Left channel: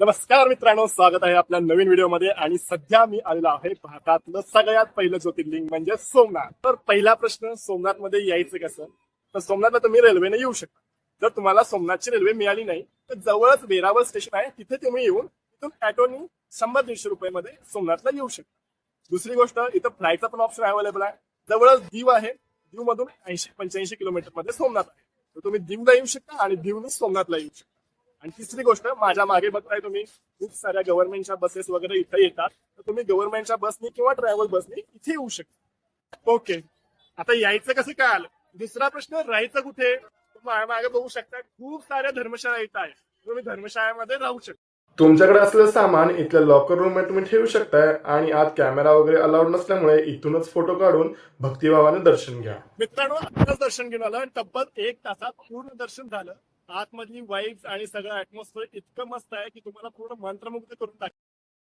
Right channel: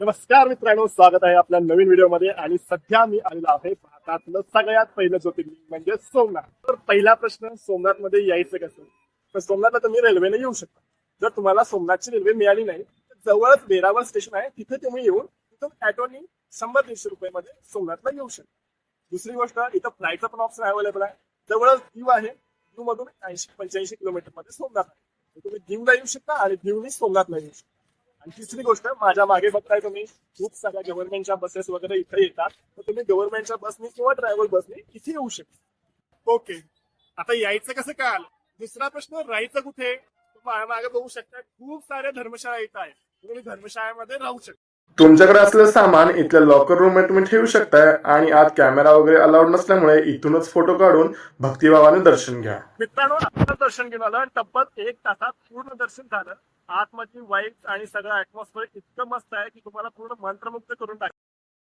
नमस्कार मित्रांनो, स्वागत आहे आपल्या नवीन व्हिडिओमध्ये. आणि सध्या मी आलेलो आहे भारतातलं सगळ्यात पहिलं ज्योतिर्लिंग म्हणजे सोमनाथ. तर पहिला प्रश्न, सोमनाथ मध्ये यायचं कसं? तर सोमनाथला तुम्ही रेल्वेने येऊ शकता. जर तुम्हाला सोमनाथची रेल्वे मिळाली नाही तर जवळच वेरावळ स्टेशन आहे, तिथे तुम्ही येऊन तिथून ऑटोनी 100-150 रुपयामध्ये सोमनाथला येऊ शकता. दुसरी गोष्ट, इथं फ्लाईटचा पण ऑप्शन अवेलेबल आहे. जवळच दीव आहे, दीव मधून 80-85 किलोमीटर मध्ये सोमनाथ आहे. तर तुम्ही दीवला येऊ शकता आणि दीवनी सोमनाथला येऊ शकता. आणि तिसरी गोष्ट, माझ्या मागे बघताय तुम्ही खूप साऱ्या गव्हर्नमेंटच्या बसेस वगैरे इथे येतात. तर तुम्ही गव्हर्नमेंटच्या बसनी किंवा ट्रॅव्हल बसनी इथे येऊ शकता. ओके, आता यायचं कसं काय आलं? दुसरा प्रश्न, राहायचं कुठे? मागे बघू शकता खूप साऱ्या धर्मशाळा इथं आहे. तुम्ही धर्मशाळेमध्ये राहू शकता. तुमच्याकडे असलेलं सामान इथल्या लॉकर रूम मध्ये तुम्ही ठेवू शकताय. आणि आत कॅमेरा वगैरे अलाउड नसल्यामुळे इथूनच फोटो काढून भक्तिभावाने दर्शन घ्या. मित्रांनो, आताच दर्शन घेऊन आलं. तब्बल 1 तासात पूर्ण दर्शन झालं. आतमधली वाईब्स आणि सगळं ऍटमॉस्फिअर इतकं मस्त आहे की तुम्हाला पूर्ण मंत्रमुग्ध करून टाकेल.